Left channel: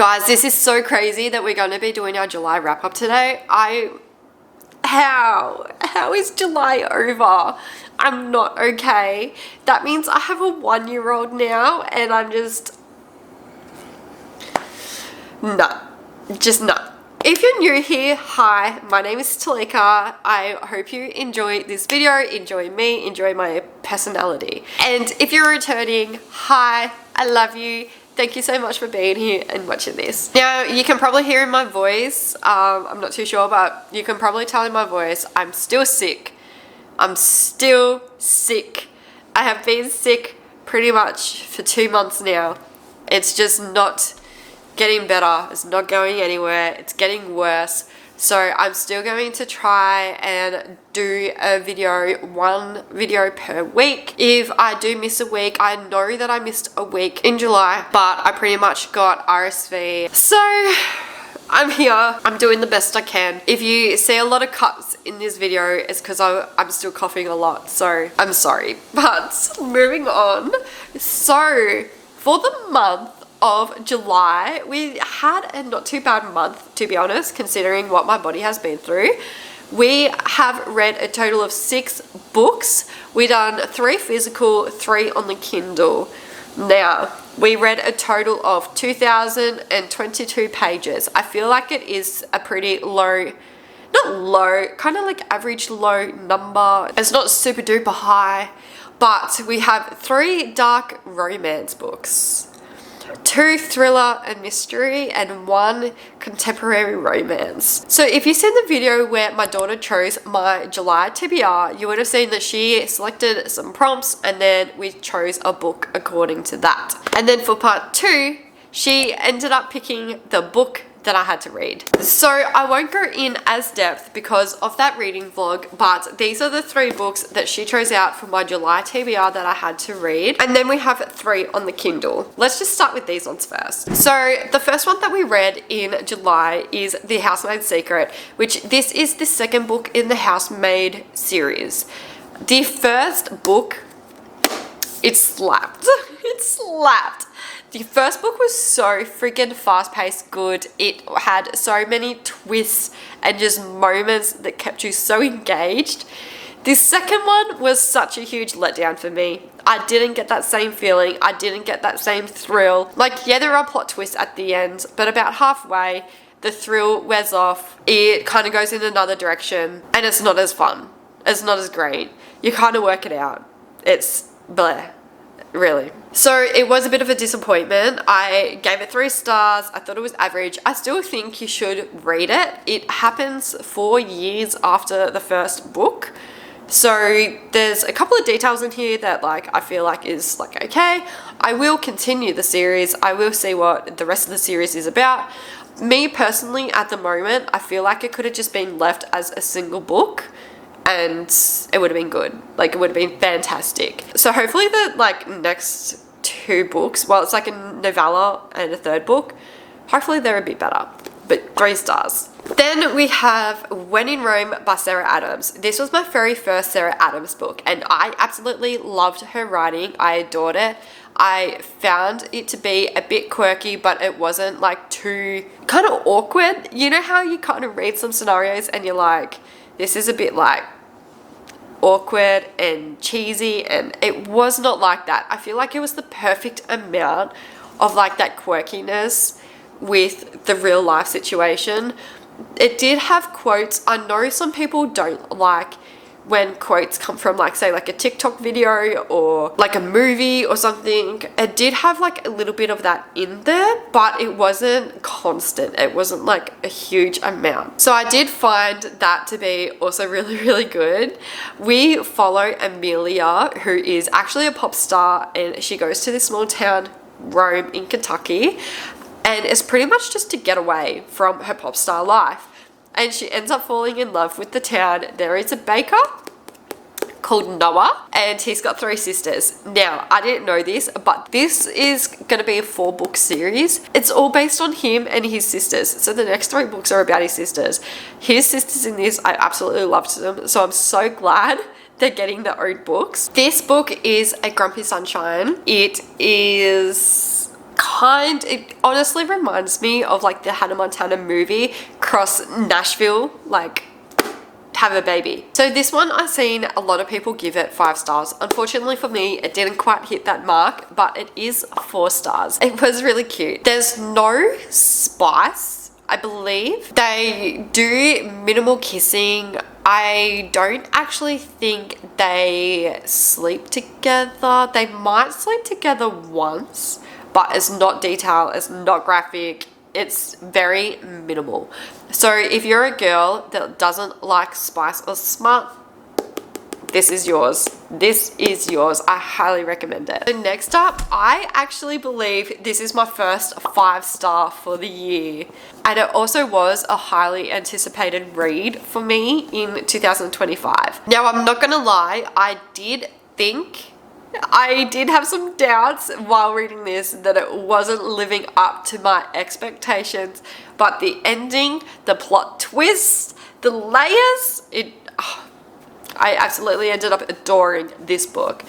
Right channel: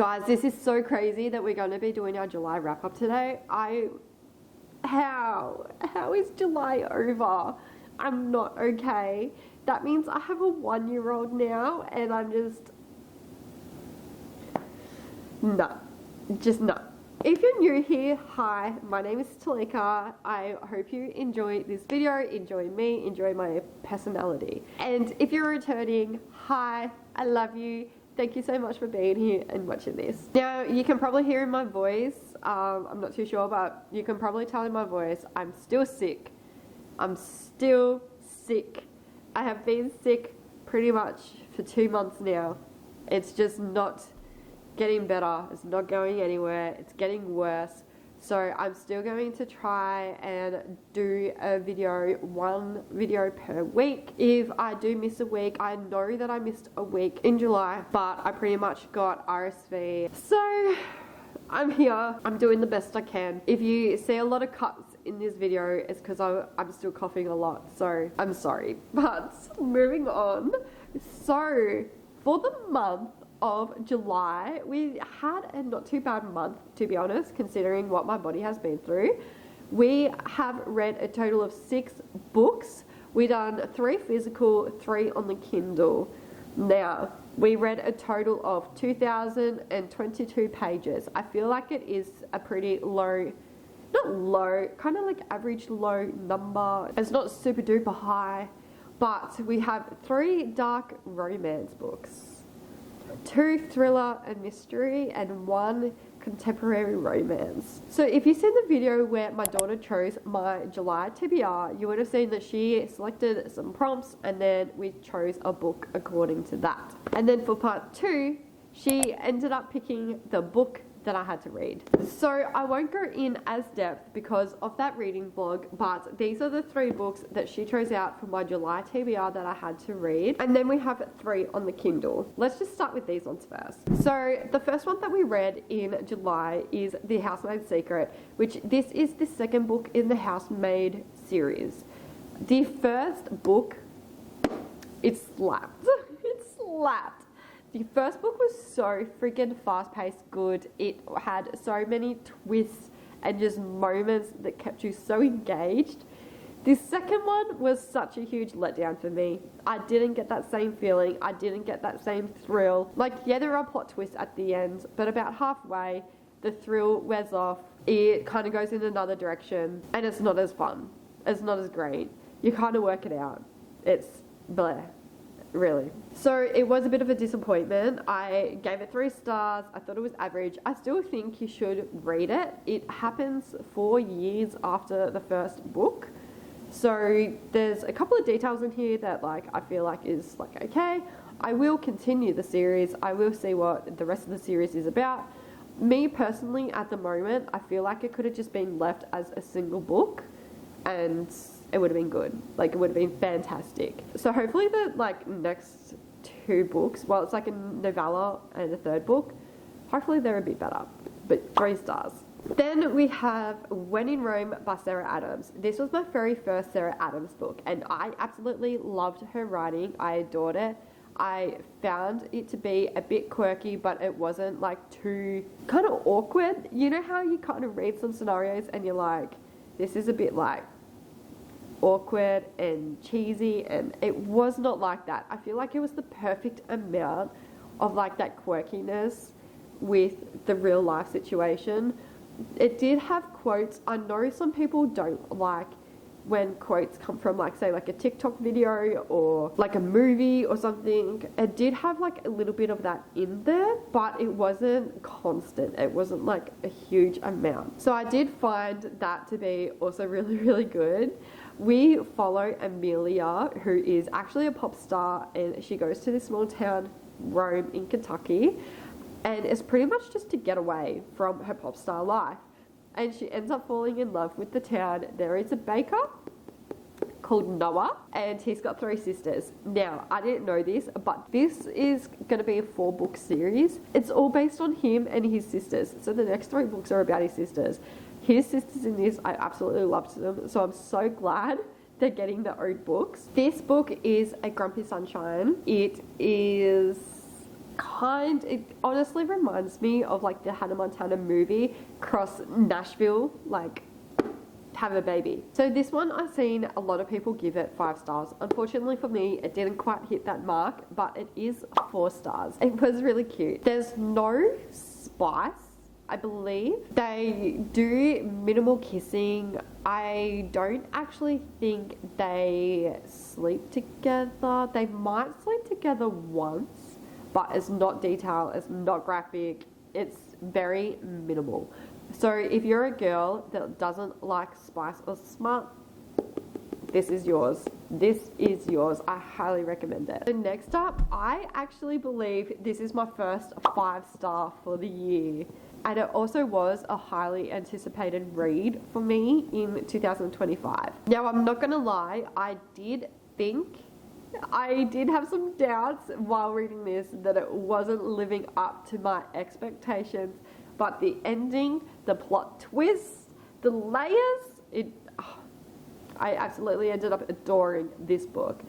Guys, this is so crazy that we're going to be doing our July wrap up today. How is July over? I'm not okay. That means I have a 1-year-old now and I'm just, no. If you're new here, hi, my name is Talika. I hope you enjoy this video, enjoy me, enjoy my personality. And if you're returning, hi, I love you. Thank you so much for being here and watching this. Now, you can probably hear in my voice, I'm not too sure, but you can probably tell in my voice, I'm still sick. I'm still sick. I have been sick pretty much for 2 months now. It's just not getting better. It's not going anywhere. It's getting worse. So I'm still going to try and do one video per week. If I do miss a week, I know that I missed a week in July, but I pretty much got RSV. So I'm here. I'm doing the best I can. If you see a lot of cuts in this video, it's because I'm still coughing a lot. So I'm sorry, but moving on. So for the month of July, we had a not too bad month, to be honest, considering what my body has been through. We have read a total of 6 books. We done 3 physical, 3 on the Kindle. Now, we read a total of 2,022 pages. I feel like it is a pretty low, not low, kind of like average low number. It's not super duper high, but we have 3 dark romance books, 2 thriller and mystery, and 1 contemporary romance. So if you've seen the video where my daughter chose my July TBR, you would have seen that she selected some prompts and then we chose a book according to that. And then for part 2, she ended up picking the book that I had to read. So I won't go in as depth because of that reading vlog, but these are the 3 books that she chose out for my July TBR that I had to read. And then we have 3 on the Kindle. Let's just start with these ones first. So the first one that we read in July is The Housemaid's Secret, which this is the 2nd book in the Housemaid series. The first book, it slapped. It slapped. The first book was so freaking fast-paced good. It had so many twists and just moments that kept you so engaged. The second one was such a huge letdown for me. I didn't get that same feeling. I didn't get that same thrill. Like, yeah, there are plot twists at the end, but about halfway, the thrill wears off. It kind of goes in another direction, and it's not as fun. It's not as great. You kind of work it out. It's bleh. Really. So it was a bit of a disappointment. I gave it 3 stars. I thought it was average. I still think you should read it. It happens 4 years after the first book. So there's a couple of details in here that I feel like is okay. I will continue the series. I will see what the rest of the series is about. Me personally, at the moment, I feel like it could have just been left as a single book, and it would have been good. It would have been fantastic. So hopefully the next 2 books, well, it's a novella and a 3rd book, hopefully they're a bit better, but 3 stars. Then we have When in Rome by Sarah Adams. This was my very first Sarah Adams book, and I absolutely loved her writing. I adored it. I found it to be a bit quirky, but it wasn't too kind of awkward. You know how you kind of read some scenarios and you're like, this is a bit awkward and cheesy, and it was not like that. I feel like it was the perfect amount of that quirkiness with the real life situation. It did have quotes. I know some people don't like when quotes come from say a TikTok video or a movie or something. It did have a little bit of that in there, but it wasn't constant. It wasn't a huge amount. So I did find that to be also really, really good. We follow Amelia, who is actually a pop star, and she goes to this small town, Rome in Kentucky, and it's pretty much just to get away from her pop star life. And she ends up falling in love with the town. There is a baker called Noah, and he's got 3 sisters. Now, I didn't know this, but this is going to be a 4-book series. It's all based on him and his sisters. So the next 3 books are about his sisters. His sisters in this, I absolutely loved them. So I'm so glad they're getting their own books. This book is A Grumpy Sunshine. It is it honestly reminds me of like the Hannah Montana movie cross Nashville, like have a baby. So this one, I've seen a lot of people give it 5 stars. Unfortunately for me, it didn't quite hit that mark, but it is 4 stars. It was really cute. There's no spice, I believe. They do minimal kissing. I don't actually think they sleep together. They might sleep together once, but it's not detailed, it's not graphic. It's very minimal. So if you're a girl that doesn't like spice or smut, this is yours. This is yours. I highly recommend it. So next up, I actually believe this is my first 5-star for the year. And it also was a highly anticipated read for me in 2025. Now, I'm not gonna lie, I did have some doubts while reading this that it wasn't living up to my expectations, but the ending, the plot twist, the layers, I absolutely ended up adoring this book.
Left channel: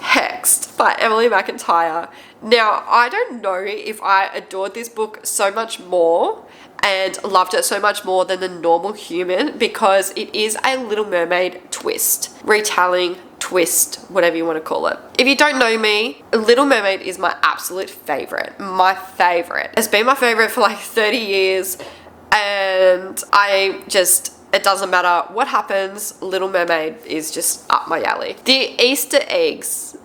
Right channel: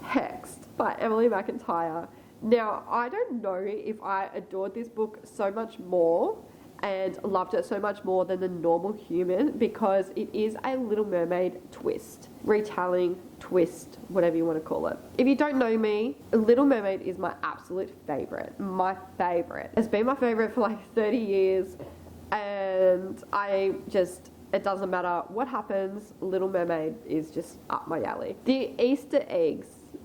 Hexed by Emily McIntyre. Now, I don't know if I adored this book so much more and loved it so much more than the normal human, because it is a Little Mermaid twist, retelling, twist, whatever you want to call it. If you don't know me, Little Mermaid is my absolute favorite. My favorite. It's been my favorite for like 30 years, and it doesn't matter what happens, Little Mermaid is just up my alley. The Easter eggs,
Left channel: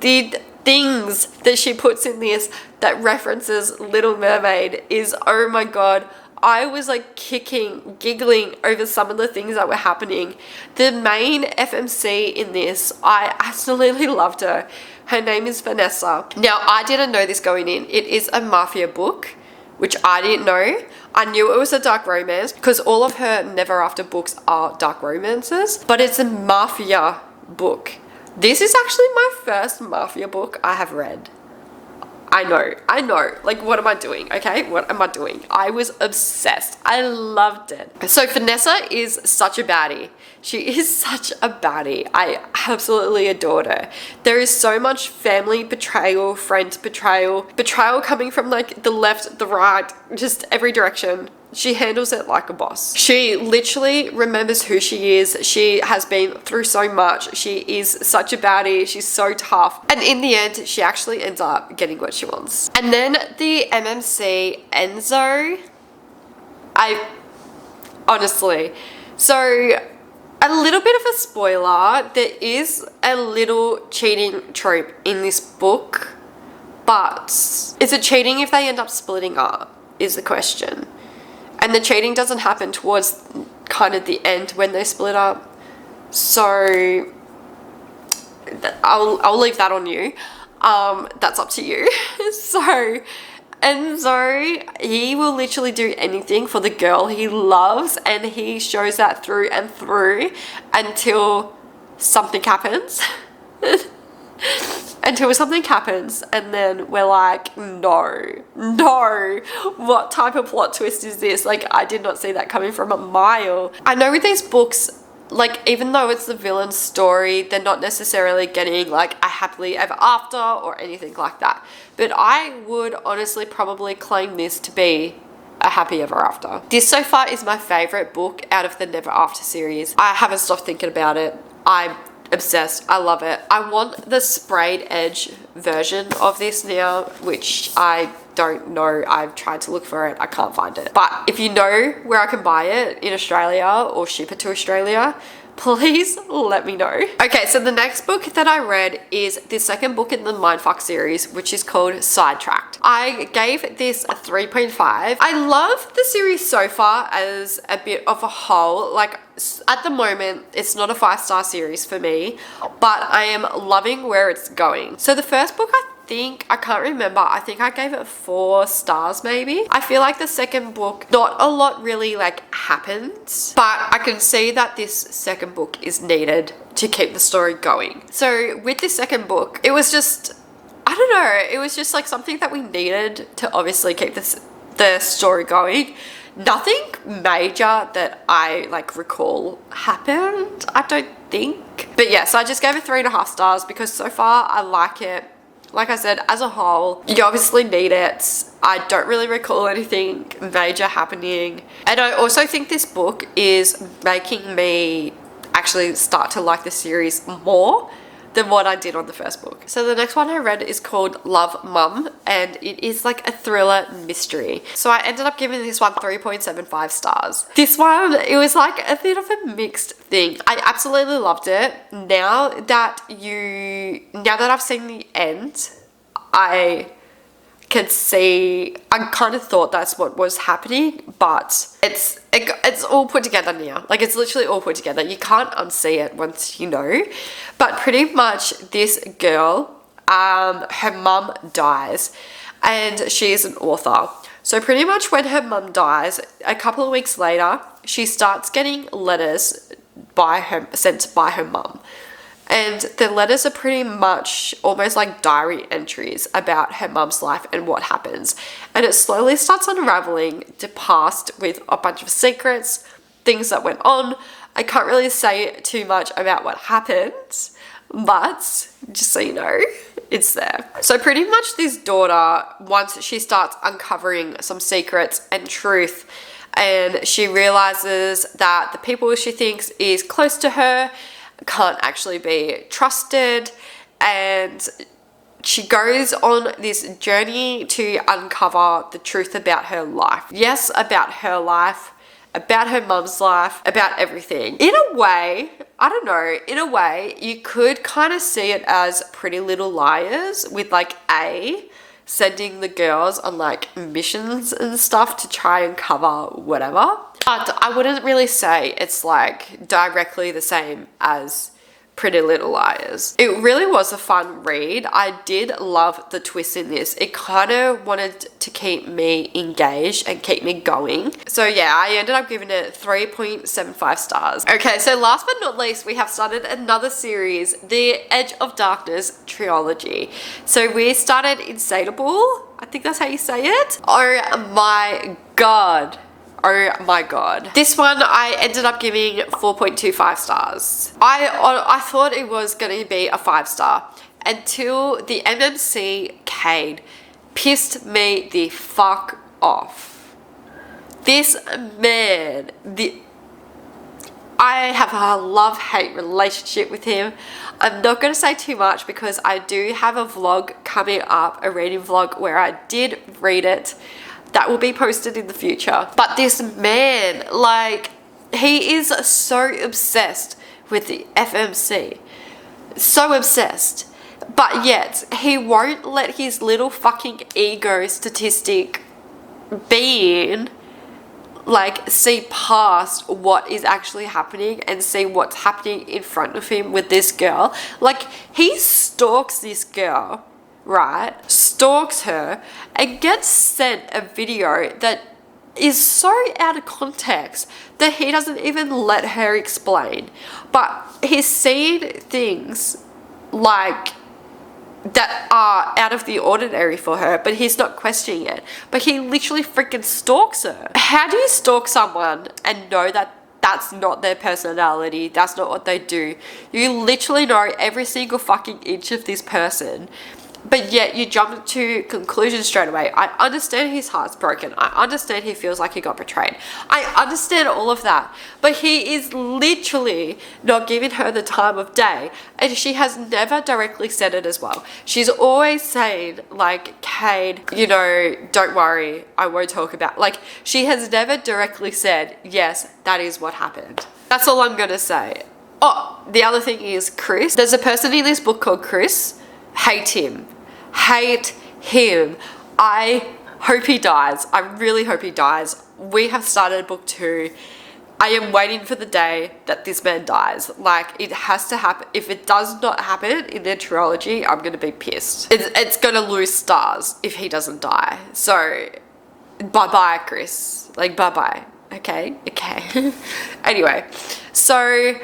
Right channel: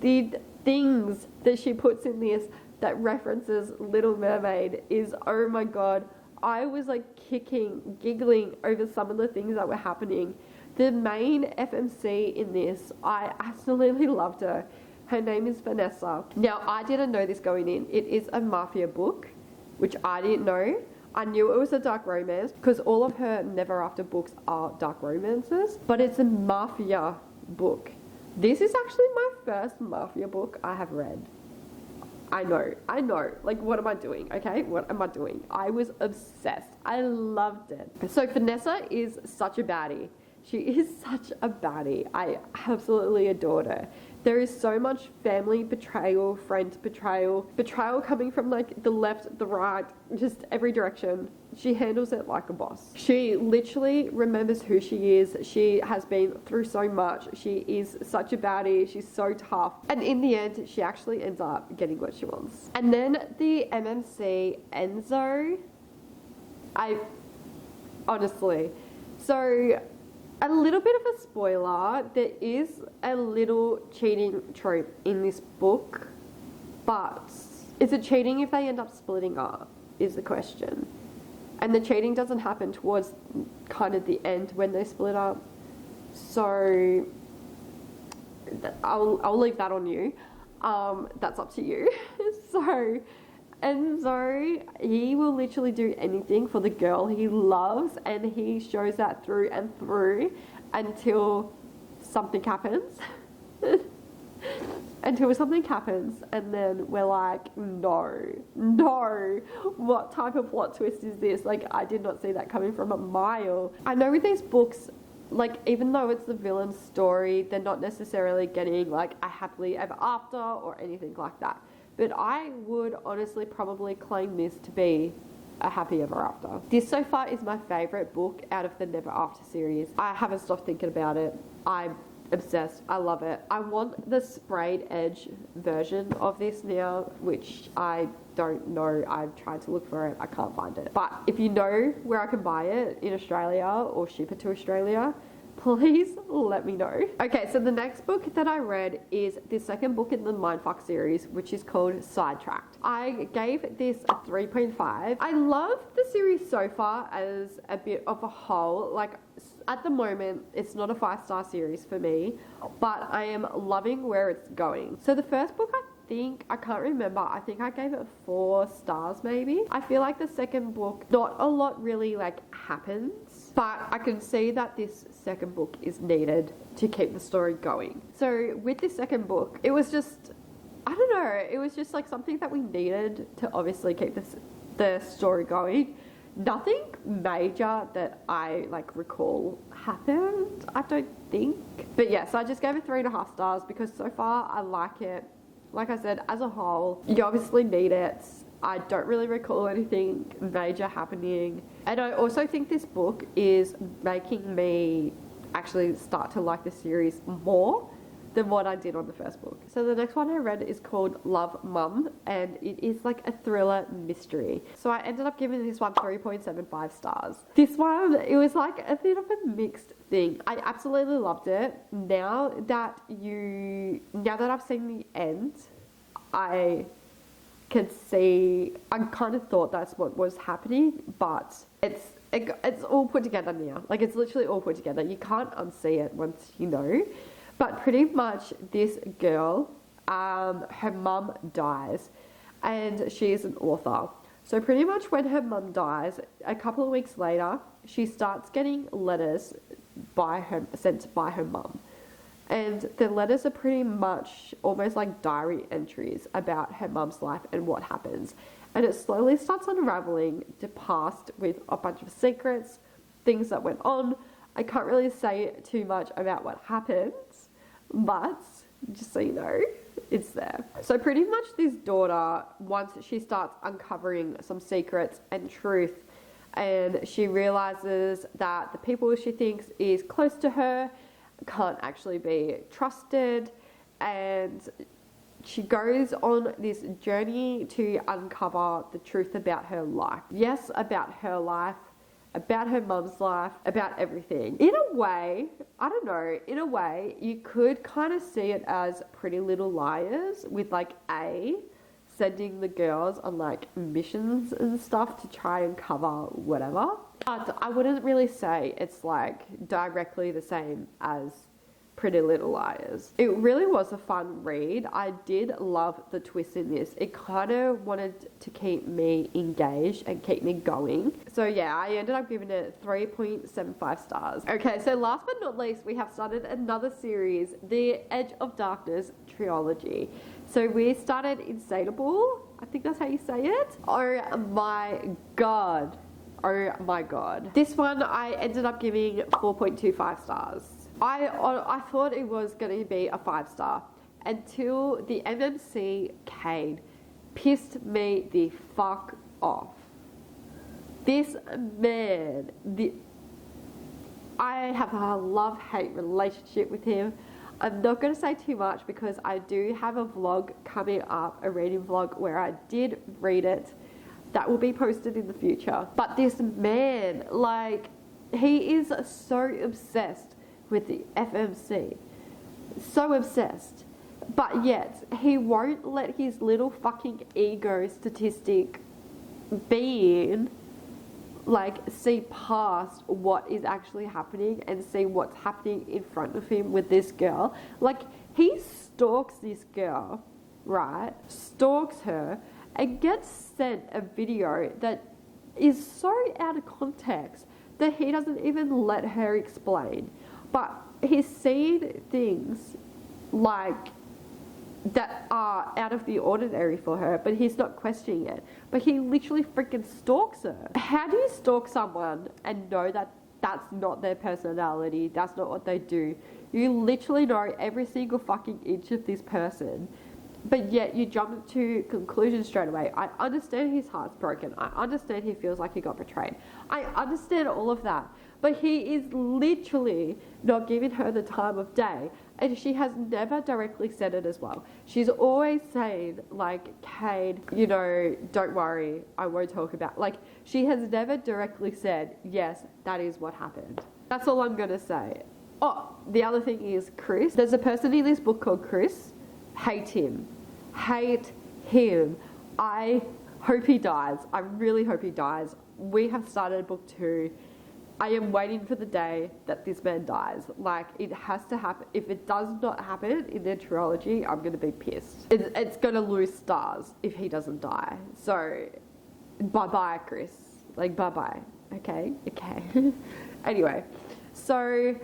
the things that she puts in this that references Little Mermaid is, oh my god, I was like giggling over some of the things that were happening. The main FMC in this, I absolutely loved her. Her name is Vanessa. Now, I didn't know this going in. It is a mafia book, which I didn't know. I knew it was a dark romance because all of her Never After books are dark romances, but it's a mafia book. This is actually my first mafia book I have read. I know. Like, what am I doing? Okay, what am I doing? I was obsessed. I loved it. So Vanessa is such a baddie. She is such a baddie. I absolutely adored her. There is so much family betrayal, friend betrayal coming from like the left, the right, just every direction. She handles it like a boss. She literally remembers who she is. She has been through so much. She is such a baddie. She's so tough. And in the end, she actually ends up getting what she wants. And then the MMC Enzo. So a little bit of a spoiler, there is a little cheating trope in this book, but is it cheating if they end up splitting up is the question. And the cheating doesn't happen towards kind of the end when they split up. So I'll leave that on you. That's up to you. He will literally do anything for the girl he loves, and he shows that through and through until something happens. Until something happens, and then we're like, no, what type of plot twist is this? Like, I did not see that coming from a mile. I know with these books, like, even though it's the villain's story, they're not necessarily getting like a happily ever after or anything like that. But I would honestly probably claim this to be a happy ever after. This so far is my favorite book out of the Never After series. I haven't stopped thinking about it. I'm obsessed. I love it. I want the sprayed edge version of this now, which I don't know. I've tried to look for it. I can't find it. But if you know where I can buy it in Australia or ship it to Australia, please let me know. Okay, so the next book that I read is the second book in the Mindfuck series, which is called Sidetracked. I gave this a 3.5. I love the series so far as a bit of a whole. Like, at the moment, it's not a 5-star series for me, but I am loving where it's going. So the first book, I can't remember, I think I gave it 4 stars maybe. I feel like the second book, not a lot really like happens, but I can see that this second book is needed to keep the story going. So with this second book, it was just, I don't know, it was just like something that we needed to obviously keep the story going. Nothing major that I like recall happened, I don't think. But yeah, so I just gave it 3.5 stars because so far I like it. like I said, as a whole, you obviously need it. I don't really recall anything major happening. And I also think this book is making me actually start to like the series more than what I did on the first book. So the next one I read is called Love Mum, and it is like a thriller mystery. So I ended up giving this one 3.75 stars. This one, it was like a bit of a mixed thing. I absolutely loved it. Now that I've seen the end, I can see, I kind of thought that's what was happening, but it's all put together now. Like, it's literally all put together. You can't unsee it once you know. But pretty much this girl, her mum dies, and she is an author. So pretty much when her mum dies, a couple of weeks later, she starts getting letters sent by her mum. And the letters are pretty much almost like diary entries about her mum's life and what happens. And it slowly starts unraveling to past with a bunch of secrets, things that went on. I can't really say too much about what happened, but just so you know, it's there. So pretty much this daughter, once she starts uncovering some secrets and truth, and she realizes that the people she thinks is close to her can't actually be trusted, and she goes on this journey to uncover the truth about her life. Yes, about her life, about her mum's life, about everything. In a way, I don't know, in a way, you could kind of see it as Pretty Little Liars, with like sending the girls on like missions and stuff to try and cover whatever. But I wouldn't really say it's like directly the same as Pretty Little Liars. It really was a fun read. I did love the twist in this. It kind of wanted to keep me engaged and keep me going. So yeah, I ended up giving it 3.75 stars. Okay, so last but not least, we have started another series, the Edge of Darkness trilogy. So we started Insatiable. I think that's how you say it. Oh my god. Oh my god. This one I ended up giving 4.25 stars. I thought it was going to be a 5-star until the MMC Cade pissed me the fuck off. This man, I have a love-hate relationship with him. I'm not going to say too much because I do have a vlog coming up, a reading vlog where I did read it. That will be posted in the future. But this man, like, he is so obsessed with the FMC. So obsessed. But yet, he won't let his little fucking ego statistic being, like, see past what is actually happening and see what's happening in front of him with this girl. Like, he stalks this girl, right? Stalks her and gets sent a video that is so out of context that he doesn't even let her explain. But he's seen things like that are out of the ordinary for her, but he's not questioning it. But he literally freaking stalks her. How do you stalk someone and know that that's not their personality, that's not what they do? You literally know every single fucking inch of this person, but yet you jump to conclusions straight away. I understand his heart's broken. I understand he feels like he got betrayed. I understand all of that. But he is literally not giving her the time of day. And she has never directly said it as well. She's always saying, like, Cade, you know, don't worry, I won't talk about. Like, she has never directly said, yes, that is what happened. That's all I'm gonna say. Oh, the other thing is Chris. There's a person in this book called Chris. Hate him. Hate him. I hope he dies. I really hope he dies. We have started book 2. I am waiting for the day that this man dies. Like, it has to happen. If it does not happen in their trilogy, I'm going to be pissed. It's going to lose stars if he doesn't die. So, bye-bye, Chris. Like, bye-bye. Okay? Okay. Anyway, so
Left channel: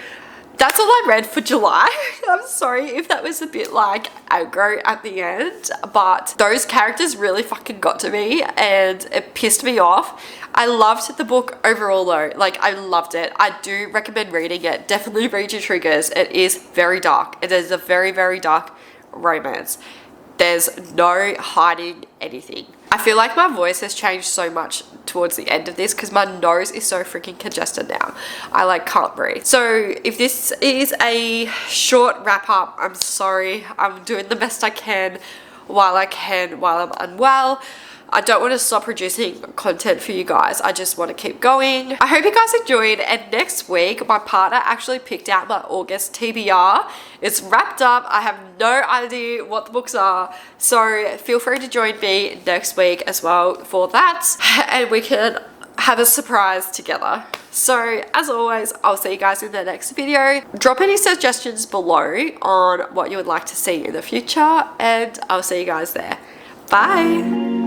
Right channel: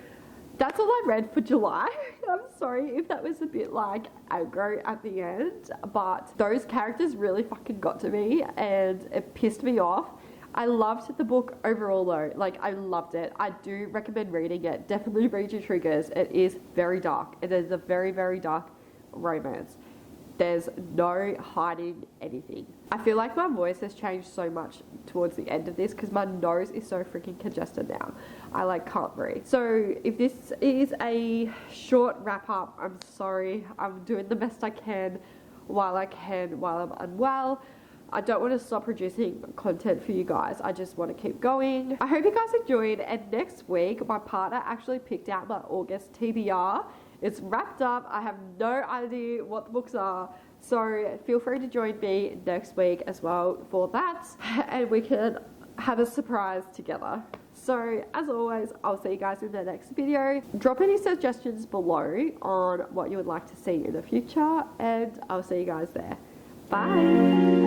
that's all I read for July. I'm sorry if that was a bit like aggro at the end, but those characters really fucking got to me and it pissed me off. I loved the book overall though. Like, I loved it. I do recommend reading it. Definitely read your triggers. It is very dark. It is a very, very dark romance. There's no hiding anything. I feel like my voice has changed so much towards the end of this because my nose is so freaking congested now. I like can't breathe. So if this is a short wrap up, I'm sorry. I'm doing the best I can while I'm unwell. I don't want to stop producing content for you guys. I just want to keep going. I hope you guys enjoyed, and next week my partner actually picked out my August TBR. It's wrapped up. I have no idea what the books are, so feel free to join me next week as well for that, and we can have a surprise together. So as always, I'll see you guys in the next video. Drop any suggestions below on what you would like to see in the future, and I'll see you guys there. Bye.